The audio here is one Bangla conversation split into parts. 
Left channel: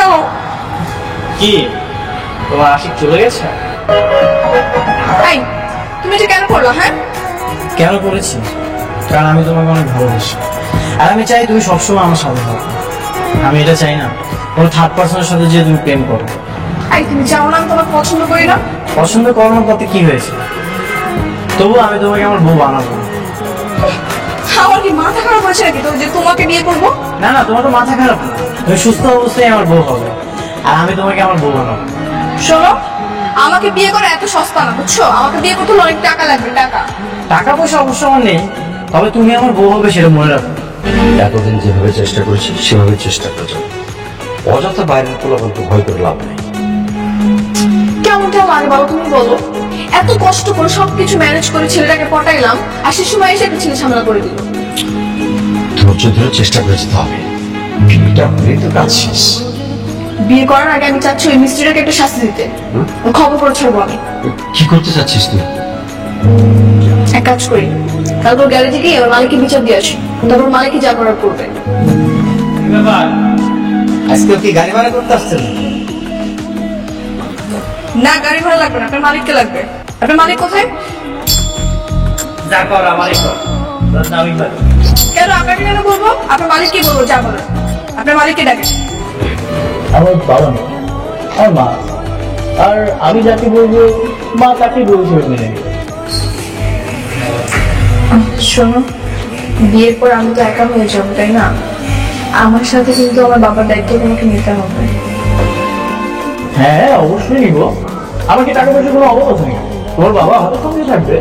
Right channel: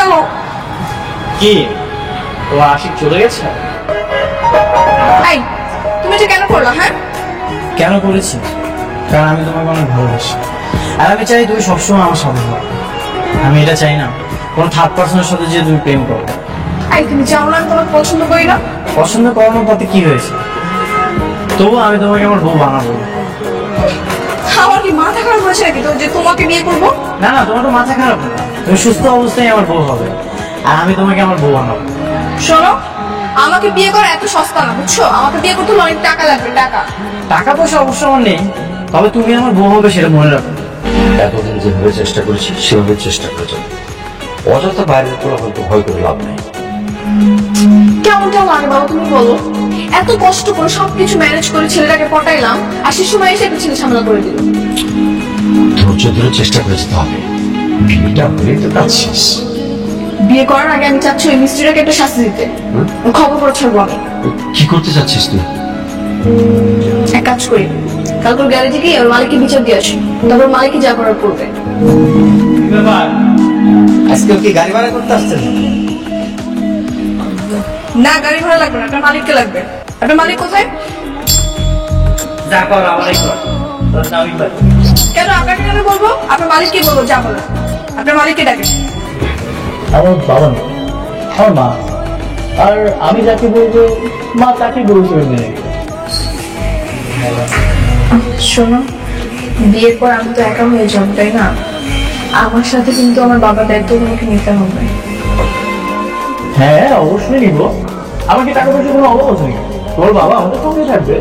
গেল। কি তোমার আশিক চলে গেছে? এই তুমি এটা কেন করলা? হ্যাঁ কেন করেছি? কারণ আমি তোমাকে অনেক ভালোবাসি, আর আমি চাই তুমি সবসময় আমার সাথে থাকো। আমি এটা চাই না কোনো থার্ড পার্সনের সাথে যে তুমি প্রেম করো। এই তুমি চাও না আমি তোমাকে পছন্দ করি না? পছন্দ করানোর তাতে কি হয়েছে? তবুও আমি তোমাকে আমার বউ বানাবো। আমার কি মাথা খারাপ হয়েছে নাকি তো যে তোমাকে বিয়ে করবো? না না, তোমার তো মাথা খারাপ না, তুমি সুস্থ অবস্থায় আমার বউ হবে, আর আমি তোমাকে আমার বউ বানাবো। শোনো, আমাকে বিয়ে করা এত সস্তা না, বুঝছো? আমাকে বিয়ে করতে হলে অনেক টাকা লাগবে। টাকা টাকা পয়সা অবশ্য আমার নেই, তবে তুমি আমার বউ হবে সেটা মনে রাখো। এতদিন যেভাবে চেষ্টা করেছি সেভাবে চেষ্টা করে যাও। অযথা বাইরের পোলাপানকে ভয় করে লাভ নেই। কেমনটা লাগে বাবা তুমি বলো? এত কষ্ট করে সবকিছু ম্যানেজ করে ছেলেটাকে পটাইলাম, আর সে সময় এসে একটা ছেলে ঝামেলা করে দিল। ধৈর্য ধরে চেষ্টা করে যেতে হবে, বিয়েটা হলেই তো কাজ শেষ। বিয়ে করার আগে আমি চাচ্ছি ওই মিস্ত্রিটাকে একটা শাস্তি দিতে। ওর খবর করে ছাড়বো আমি। কি করতে চাচ্ছিস তুই? এক কাজ করি, কালকে ওর গ্যারেজে গিয়ে ওর মালিককে বিচার দিয়ে আসি, তারপর মালিকই যা করার করবে। আজকে কি গাড়ি ভাড়া করতে আসছেন? না, গাড়ি ভাড়া লাগবে না, আপনার মালিককে লাগবে। আপনার মালিক কোথায়? যা কর আমারই কর। কেন আপনাকে কেন বলবো? আপনার মালিককে বলবো যা বলার। আপনার মালিককে ডাকে। আমার বাবা নেই, আমার মা, আর আমি যাকে বলবো মা তাকে বলবো মেনে নেবে। শোনো, বিয়ের পর আমি তো একা হয়ে যাবো, তাই না? আমার সাথে কিন্তু আমার বাবার দায়িত্ব তোমাকে নিতে হবে। হ্যাঁ অবশ্যই নিব। আমার কি টাকা পয়সা কোনো অভাব আছে নাকি? তোমার বাবা আমাদের সঙ্গে থাকবে।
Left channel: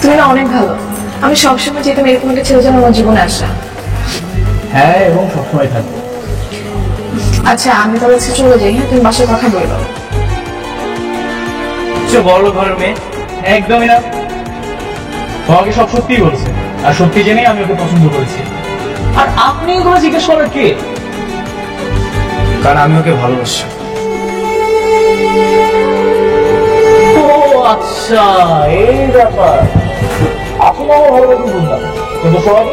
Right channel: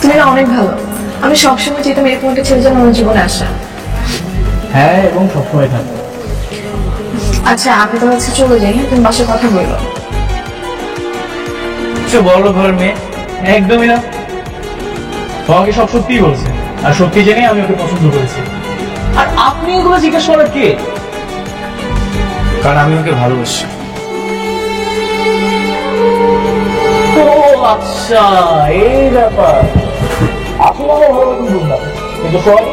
তুমি না অনেক ভালো। আমি সবসময় যেতাম এরকম একটা ছেলে যেন আমার জীবনে আসা। হ্যাঁ, এবং সবসময় থাকবে। আচ্ছা আমি তোর কাছে চলে যাই, হ্যাঁ? তুমি বাসায় কথা বললো। সে বড় ঘরের মেয়ে একদমই না। তোমাকে সব সত্যিই বলছে, আর সত্যি জেনেই আমি ওকে পছন্দ করেছি। আর আপনি এগুলো জিজ্ঞেস করার কে? কারণ আমি ওকে ভালোবাসি। ও আচ্ছা, এই ব্যাপার। আসলে আমার ভালোবাসি বুঝলাম, কিন্তু সোহাগে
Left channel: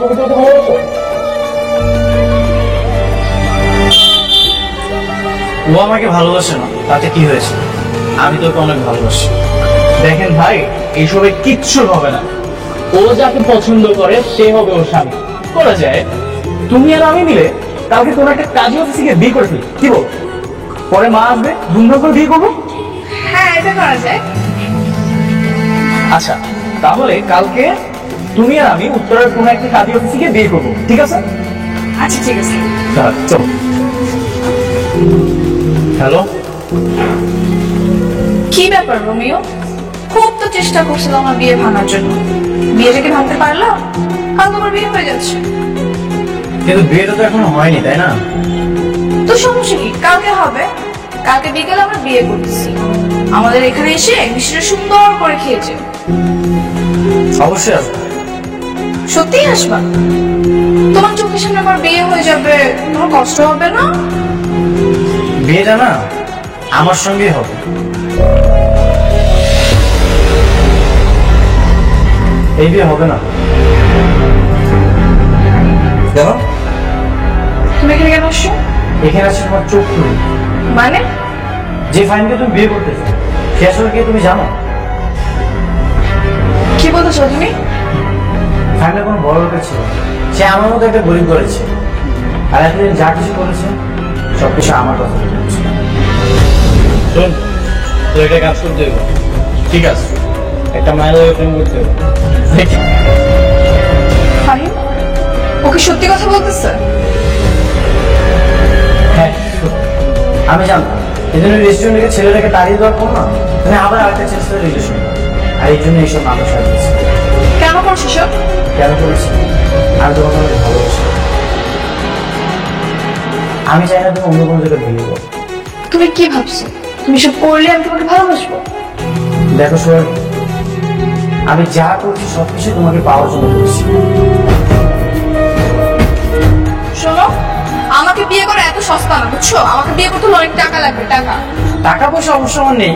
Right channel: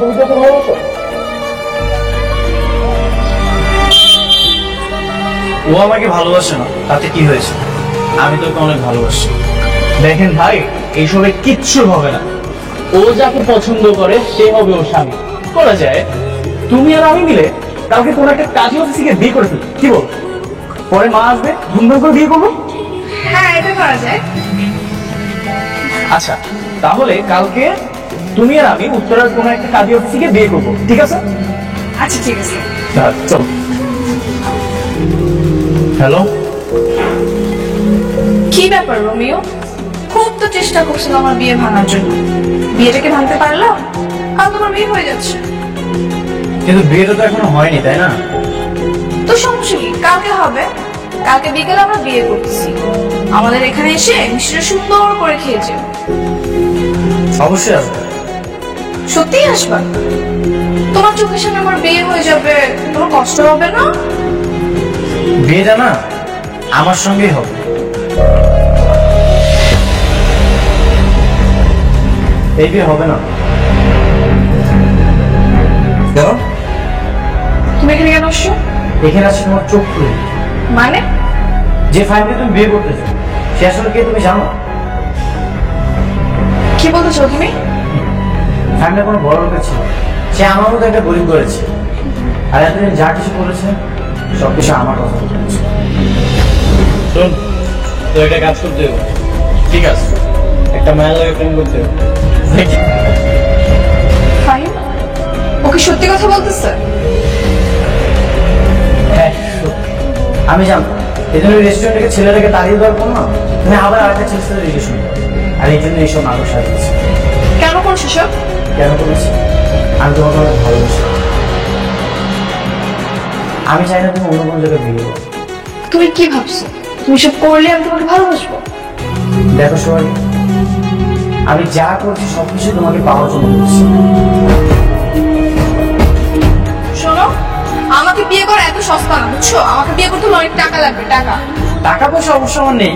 তুমি তো ওকে ভালোবাসো। ও আমাকে ভালোবাসে না, তাতে কি হয়েছে? আমি তোকে অনেক ভালোবাসি। দেখেন ভাই, এইসবে কিচ্ছু হবে না। ও যাকে পছন্দ করে সে হবে ওর স্বামী। করা যায়, তুমি আর আমি মিলে কালকে কোন একটা কাজী অফিসে গিয়ে বিয়ে করে ফেলি, কি বল? পরে মা আসবে, ধুমধাম করে বিয়ে করবো। হ্যাঁ, এটা করা যায়। আচ্ছা, তাহলে কালকে তুমি আর আমি উত্তরার কোন একটা কাজী অফিসে গিয়ে বিয়ে করবো, ঠিক আছে? আচ্ছা ঠিক আছে। চলো। হ্যালো, কি ব্যাপার রোমিও? খুব তো চেষ্টা করছিল আমার বিয়ে ভাঙার জন্য। বিয়েটাকে ভাঙতে পারলো? কাল তোমার বিয়ে হয়ে যাচ্ছে। কিন্তু বিয়েটা তো এখনো হয়নি, তাই না? তো সমস্যা কি? কালকে হবে। কালকে বিকেলে আমরা বিয়ে করতেছি। আমাদের এখানে এসে মিষ্টিটা সুন্দর করে খেয়েছে। অবশ্যই আসবো। সত্যিই আসবা? তোমার চোখের সামনে আমার বিয়ে হয়ে যাবে, তোমার কষ্ট হবে না? বিয়েটা না আমার সঙ্গেই হবে। এই বিয়ে হবে না। কেন? তুমি এখানে কেন আসছো? এখানে আসছে তোমার চোখ খুলে। মানে? যে ফাইনকে তুমি বিয়ে করতেছো সে আসলে কে তুমি জানো? কি বলতেছো তুমি? ফাইনটা কোনো বড় লোকের ছিল, সে আমার মতো একটা গরিব করেছে, আর এতদিন যা কিছু করেছে সবকিছু আমার কথা জানছে। শোন, তো একটা কাজ করতে হবে। ঠিক আছে, একটা মায়ের লাগে প্রেম করতে হবে। ফাহিম, ও কি সত্যি কথা বলতেছে? হ্যাঁ সত্যি। আমি জানতাম এই জন্য রেস্টুরেন্ট থেকে ছেলেটাকে তাড়িয়ে দেওয়ার পর না তুমি আবার আরেকটা ছেলের সাথে রিলেশন, আর এই জন্য এইসব নাটক সাজিয়েছি। কেন করছো সব? কেন করেছি? আমি তোমাকে অনেক ভালোবাসি। আমি চাই না তুমি অন্য কোনো জায়গায় বিয়ে করো। তুমি কি ভাবছো? তুমি সব করলে আমি তোমাকে ভালোবাসবো? দেখো সোহাগ, আমি যা করছি সবকিছু তোমাকে পাওয়ার জন্য করছি। শোনো, আমাকে বিয়ে করা এত সস্তা না, বুঝছো? আমাকে বিয়ে করতে হলে অনেক টাকা লাগবে। টাকা টাকা পয়সা অবশ্য আমার নেই,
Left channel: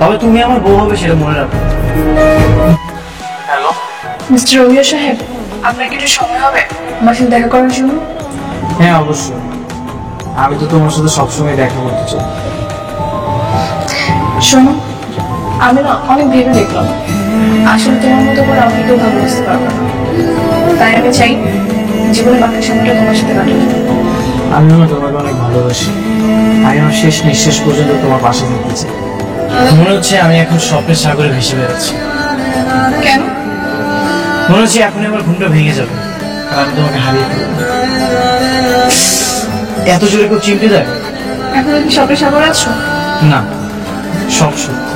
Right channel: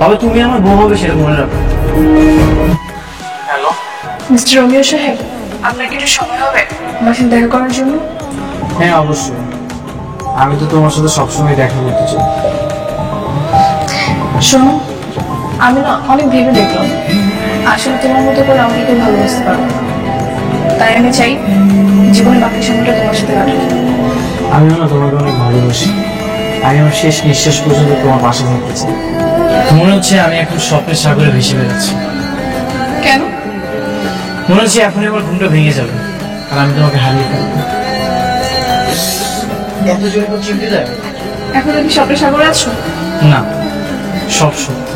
তবে তুমি আমার বউ হবে সেটা মনে রাখো। হ্যালো, মিস্টার রোমিও সাহেব, আপনার কি একটু সময় হবে আমার সাথে দেখা করার জন্য? হ্যাঁ অবশ্যই। আমি তো তোমার সাথে সবসময় দেখা করতে চাই। শোনো, আমি না অনেক ভেবে দেখলাম আসলে তোমার মতো করে আমাকে কেউ ভালোবাসতে পারবে না। তাই আমি চাই জীবনে বাকি সময়টা তোমার সাথে কাটাতে। আমিও না তোমাকে অনেক ভালোবাসি। আমি আমার শেষ নিঃশ্বাস পর্যন্ত তোমার পাশে থাকতে চাই। মনে হচ্ছে আমি এখন স্বপ্নের সাগরে ভেসে বেড়াচ্ছি। কেন? মনে হচ্ছে এখনই আমার ঘুমটা ভেঙে যাবে আর আমি তোমাকে হারিয়ে ফেলবো। এত জোরে কেউ চিমটি দেয়? এখন কি স্বপ্নের সাগরে আছো? না, সব সত্যি।